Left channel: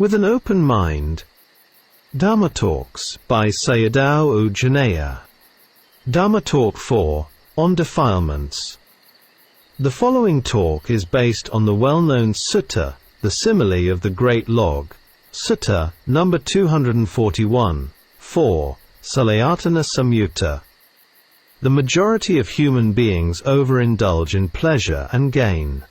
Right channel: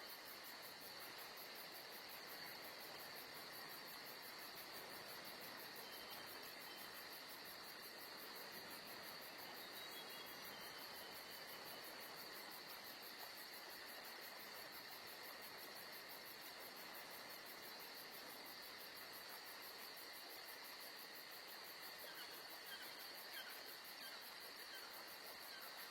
With an open mind. Dhamma Talks by Sayadaw Jhaneyya. Dhamma Talk 4, on Defilements. The following talk is based on the well-known sutta, the simile of the Great Log, Sutta, number 241, 4, Salayatana Samyutta. The majority of human beings overindulge in pleasure and gain.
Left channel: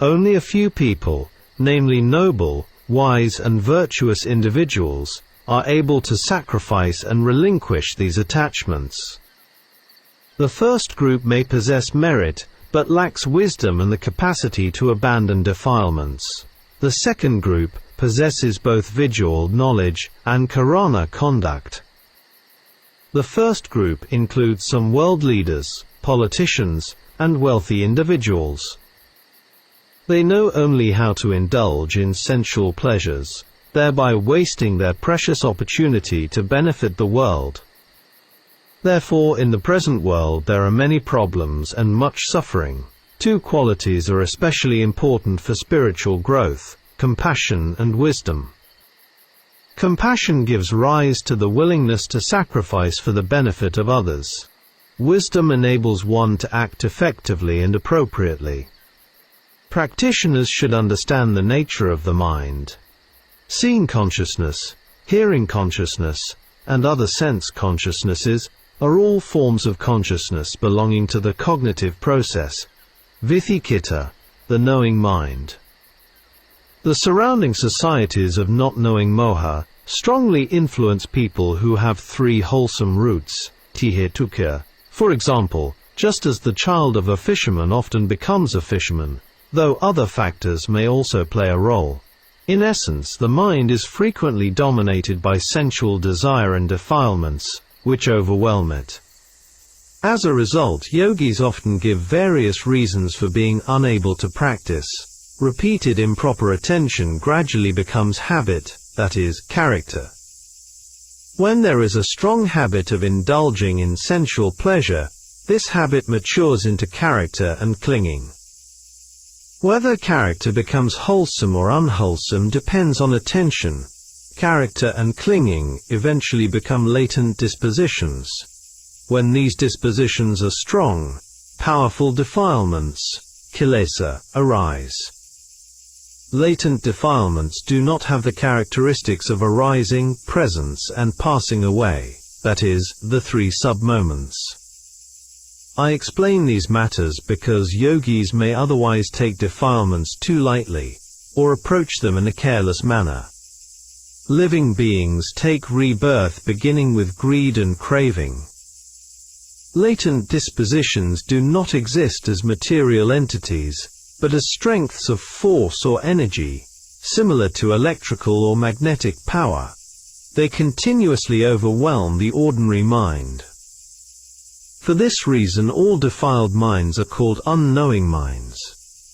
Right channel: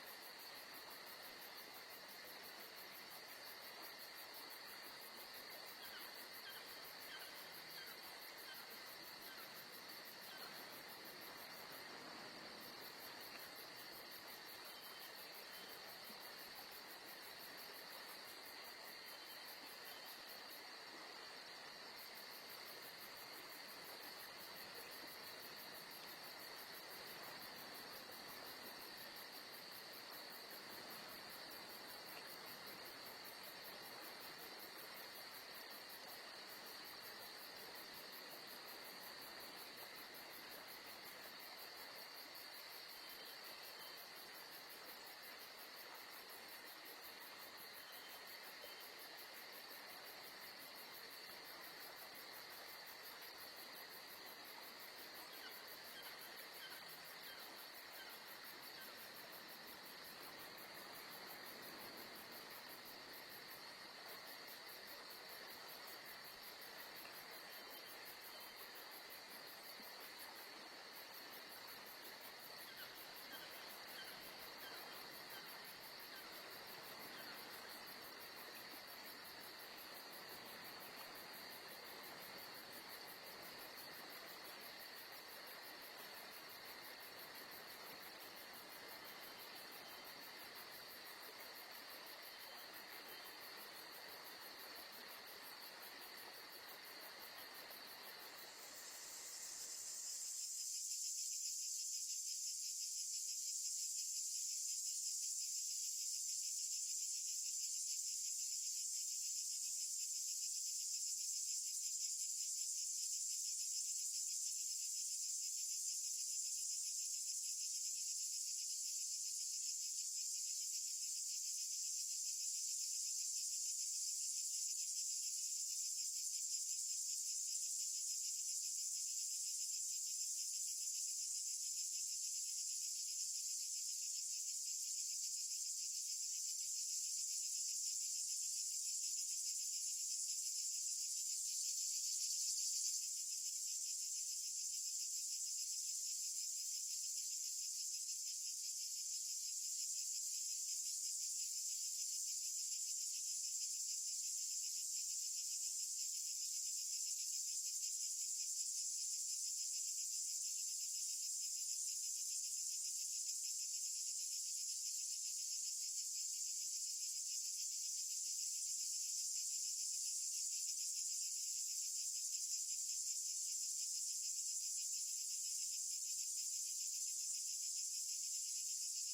Only a few people, namely noble, wise and virtuous individuals, are able to sacrifice and relinquish these attachments. The first group may possess merit, but lacks wisdom and the capacity to abandon defilements. The second group possesses both visual knowledge and karana conduct. The first group includes some world leaders, politicians, and wealthy individuals. They know only how to indulge in sensual pleasures, thereby wasting their precious opportunity to benefit the world. Therefore, in the present world there are many problems and much suffering. Two qualities are especially important for spiritual growth: compassion and wisdom. Compassion gives rise to the willingness to sacrifice for the benefit of others. Wisdom enables one to act effectively and appropriately. Practitioners should understand the nature of the mind. Seeing consciousness, hearing consciousness, and other sense consciousnesses are all forms of consciousness belonging to the cognitive process, Vithikita, the knowing mind. The surrounding societies of not knowing moha strongly influence people who have three wholesome roots, tihetuka. For example, just as the child of a fisherman often becomes a fisherman, though other factors may also play a role. In essence, the mind is frequently dominated by sensual desire and defilements, which overwhelm it. As a result, yogis often give various reasons for being unable to practice. Repeated improper attention gradually becomes habit, that is, character. When there is a strong habit of indulging in sensual pleasure, this habit matures into character and clinging. Whether character becomes wholesome or unwholesome depends on attention. Character and clinging eventually become latent dispositions. When these dispositions are strong, powerful defilements, kilesa, arise. Latent defilements do not have the characteristics of arising, presence and passing away, that is, the three sub-moments. I explain these matters because yogis may otherwise take defilements too lightly, or approach them in a careless manner. Living beings take rebirth beginning with greed and craving. Latent dispositions do not exist as material entities, but as strengths of force or energy, similar to electrical or magnetic power. They continuously overwhelm the ordinary mind. For this reason all defiled minds are called unknowing minds.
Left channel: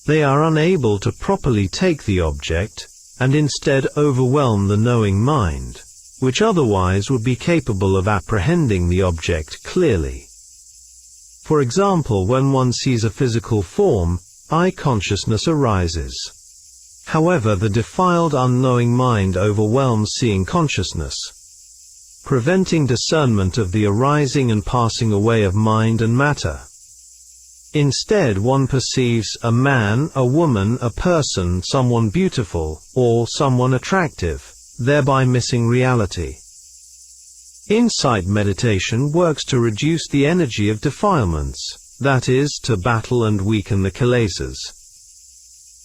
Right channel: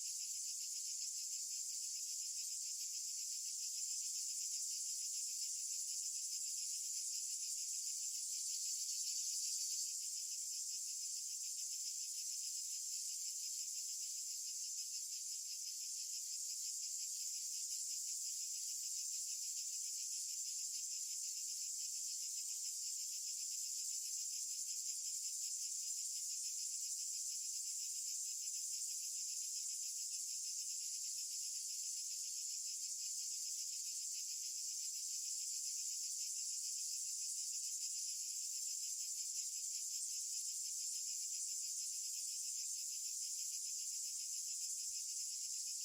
They are unable to properly take the object, and instead overwhelm the knowing mind, which otherwise would be capable of apprehending the object clearly. For example, when one sees a physical form, eye consciousness arises. However, the defiled unknowing mind overwhelms seeing consciousness, preventing discernment of the arising and passing away of mind and matter. Instead, one perceives a man, a woman, a person, someone beautiful, or someone attractive, thereby missing reality. Insight meditation works to reduce the energy of defilements, that is, to battle and weaken the kilesas.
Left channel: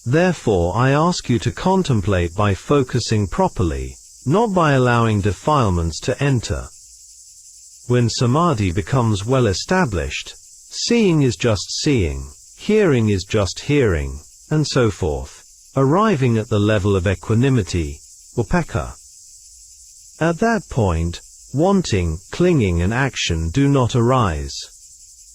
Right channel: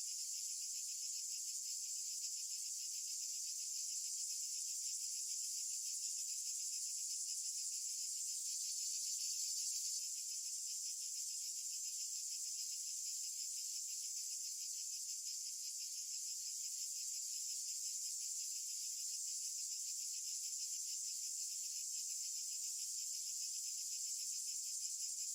Therefore, I ask you to contemplate by focusing properly, not by allowing defilements to enter. When samadhi becomes well established, seeing is just seeing, hearing is just hearing, and so forth, arriving at the level of equanimity, upekkha. At that point, wanting, clinging and action do not arise.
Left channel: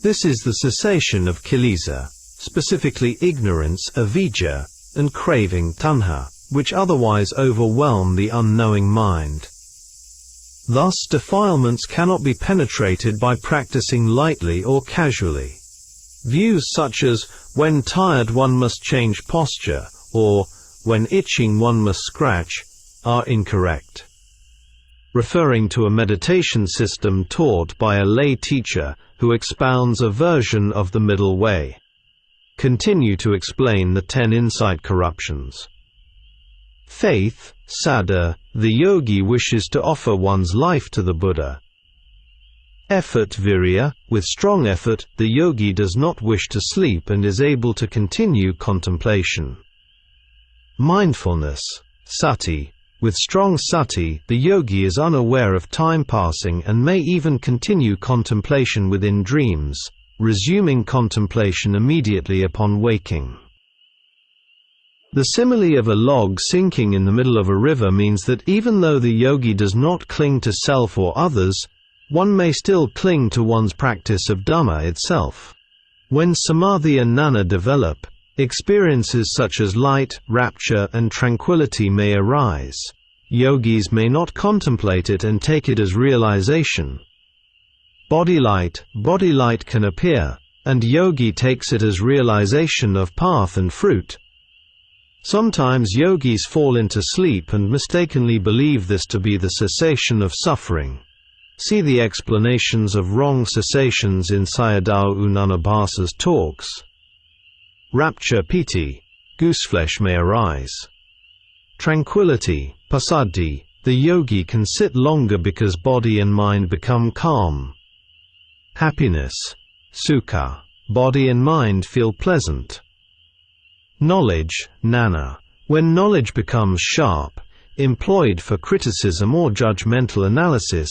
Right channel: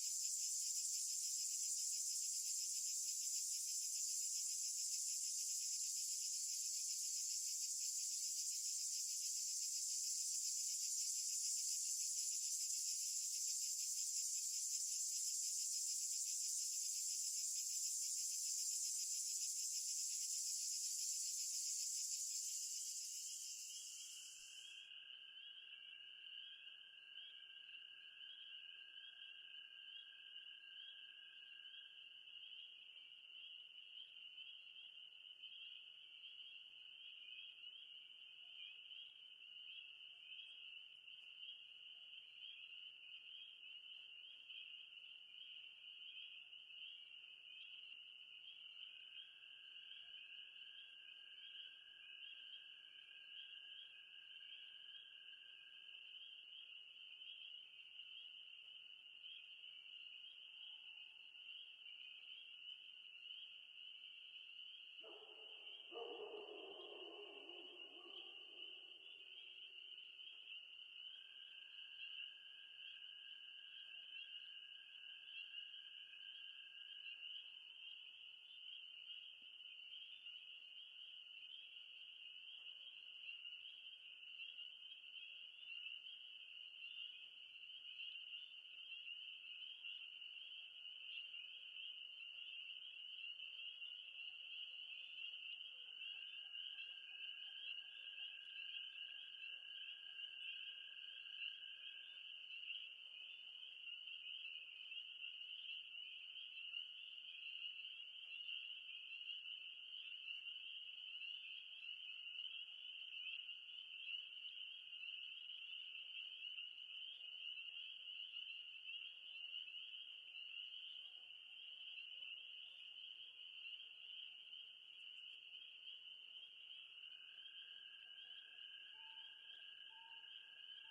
This is the cessation of kilesa, specifically ignorance, avijja, and craving, tanha, which otherwise overwhelm the unknowing mind. Thus, defilements cannot be penetrated by practicing lightly or casually. Views such as, when tired one must change posture, or when itching one must scratch, are incorrect. Referring to a meditation system taught by a lay teacher who expounds a version of the middle way. Continue to explain the 10 insight corruptions. Faith, Saddha, the yogi wishes to offer one's life to the Buddha. Effort, Virya, with strong effort, the yogi does not wish to sleep and is able to continue contemplation. Mindfulness, Sati, with strong sati, the yogi is unaware of time passing and may even continue contemplation within dreams, resuming contemplation immediately upon waking. The simile of a log sinking in the middle of a river means that even though the yogi does not cling to self or others, one may still cling to one's practice of Dhamma itself. When samadhi and jnana develop, experiences such as light, rapture, and tranquility may arise. Yogis may not contemplate it and take it as realization. Body light can appear, and yogi takes it as realization of path and fruit. Sometimes yogis fall into sleep and mistakenly believe this to be the cessation of suffering. See the explanations of wrong cessations in Sayadaw Jhaneyya's talks. Rapture, piti, gooseflesh may arise. Tranquility, passaddhi, the yogi can sit longer because body and mind become calm. Happiness, sukha, body and mind feel pleasant. Knowledge, jnana, when knowledge becomes sharp, employed for criticism or judgmental analysis,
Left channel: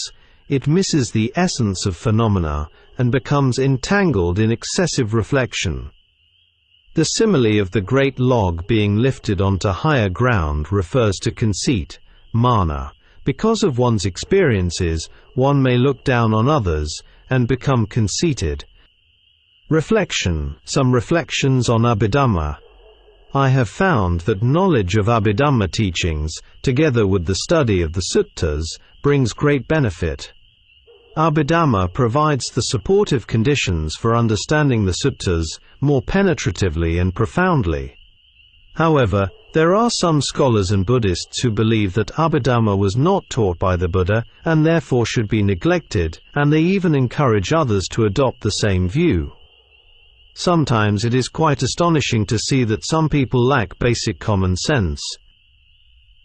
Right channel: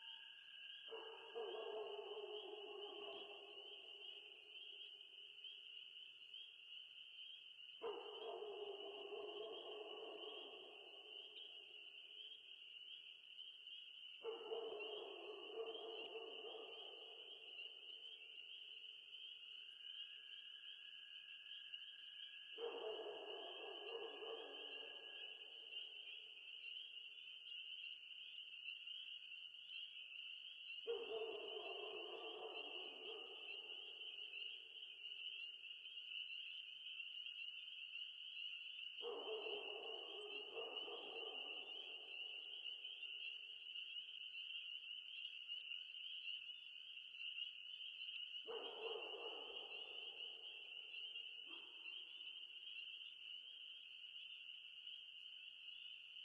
it misses the essence of phenomena and becomes entangled in excessive reflection. The simile of the great log being lifted onto higher ground refers to conceit, mana. Because of one's experiences, one may look down on others and become conceited. Reflection, some reflections on Abhidhamma. I have found that knowledge of Abhidhamma teachings, together with the study of the suttas, brings great benefit. Abhidhamma provides the supportive conditions for understanding the suttas more penetratively and profoundly. However, there are some scholars and Buddhists who believe that Abhidhamma was not taught by the Buddha and therefore should be neglected, and they even encourage others to adopt the same view. Sometimes it is quite astonishing to see that some people lack basic common sense.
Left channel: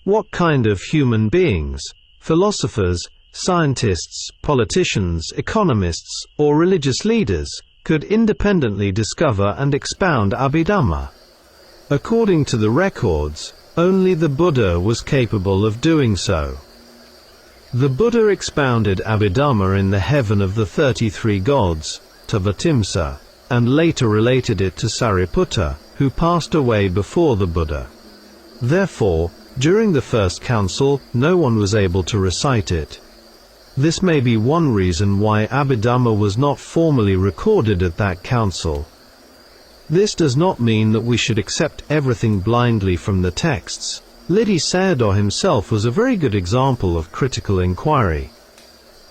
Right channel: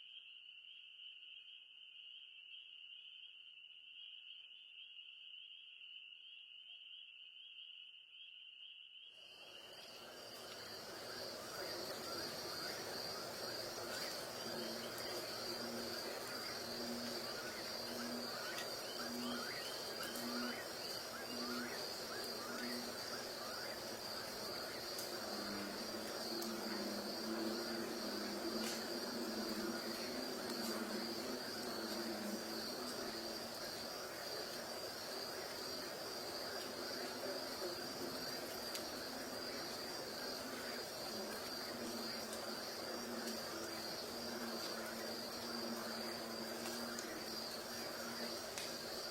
What kind of human beings, philosophers, scientists, politicians, economists, or religious leaders, could independently discover and expound Abhidhamma? According to the records, only the Buddha was capable of doing so. The Buddha expounded Abhidhamma in the heaven of the 33 gods, Tabatimsa, and later related it to Sariputta, who passed away before the Buddha. Therefore, during the first council, no one was able to recite it. This may be one reason why Abhidhamma was not formally recorded at that council. This does not mean that we should accept everything blindly from the texts. Ledi Sayadaw himself was a very good example of critical inquiry.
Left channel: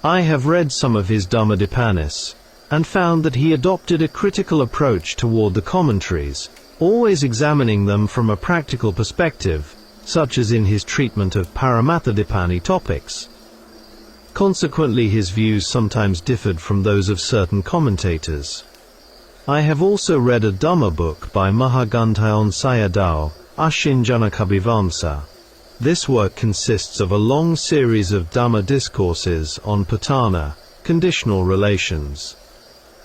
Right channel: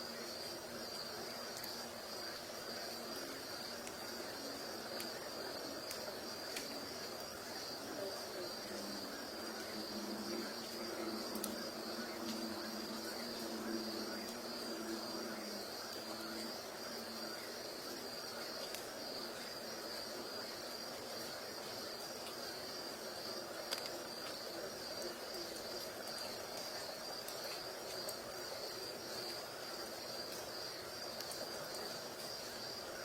I have read some of his Dhammadepanis, and found that he adopted a critical approach toward the commentaries, always examining them from a practical perspective, such as in his treatment of Paramatthadipani topics. Consequently, his views sometimes differed from those of certain commentators. I have also read a Dhamma book by Mahaganthayon Sayadaw, Ashinjanakabhivansa. This work consists of a long series of Dhamma discourses on patana, conditional relations.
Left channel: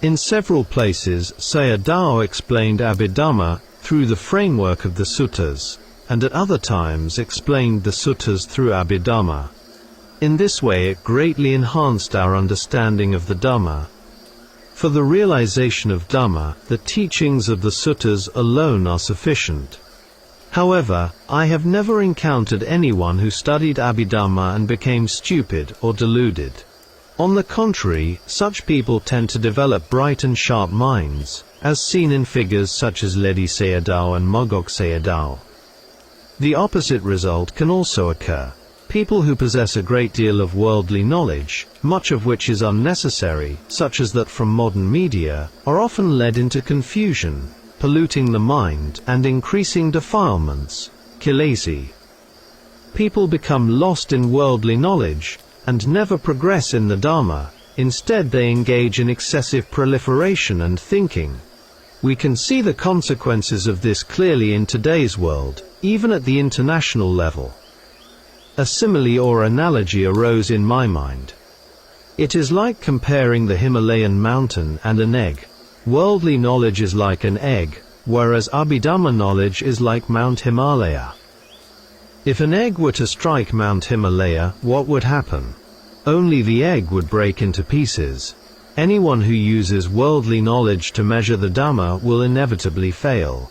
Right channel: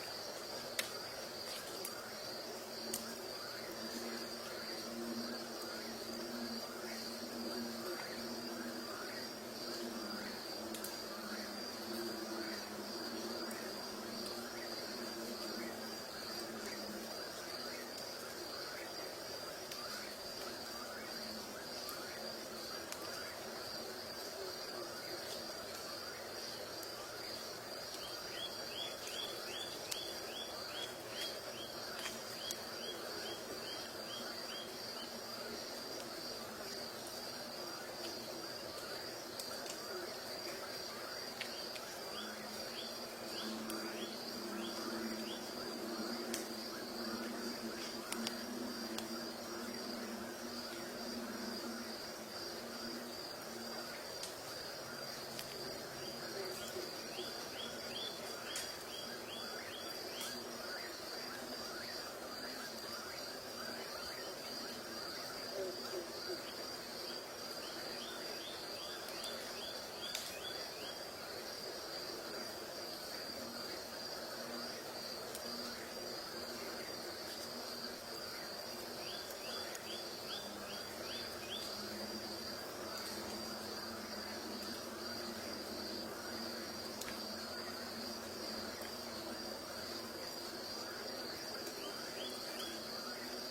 In several places, Sayadaw explained Abhidhamma through the framework of the suttas, and at other times explained the suttas through Abhidhamma. In this way it greatly enhanced our understanding of the Dhamma. For the realization of Dhamma, the teachings of the suttas alone are sufficient. However, I have never encountered anyone who studied Abhidhamma and became stupid or deluded. On the contrary, such people tend to develop bright and sharp minds, as seen in figures such as Ledi Sayadaw and Mogok Sayadaw. The opposite result can also occur. People who possess a great deal of worldly knowledge, much of which is unnecessary, such as that from modern media, are often led into confusion, polluting the mind and increasing defilements, kilesi. People become lost in worldly knowledge, and never progress in the Dharma. Instead they engage in excessive proliferation and thinking. We can see the consequences of this clearly in today's world, even at the international level. A simile or analogy arose in my mind. It is like comparing the Himalayan mountain and an egg. Worldly knowledge is like an egg, whereas Abhidhamma knowledge is like Mount Himalaya. If an egg were to strike Mount Himalaya, what would happen? Only the egg would break into pieces. Anyone who uses worldly knowledge to measure the Dhamma will inevitably fail.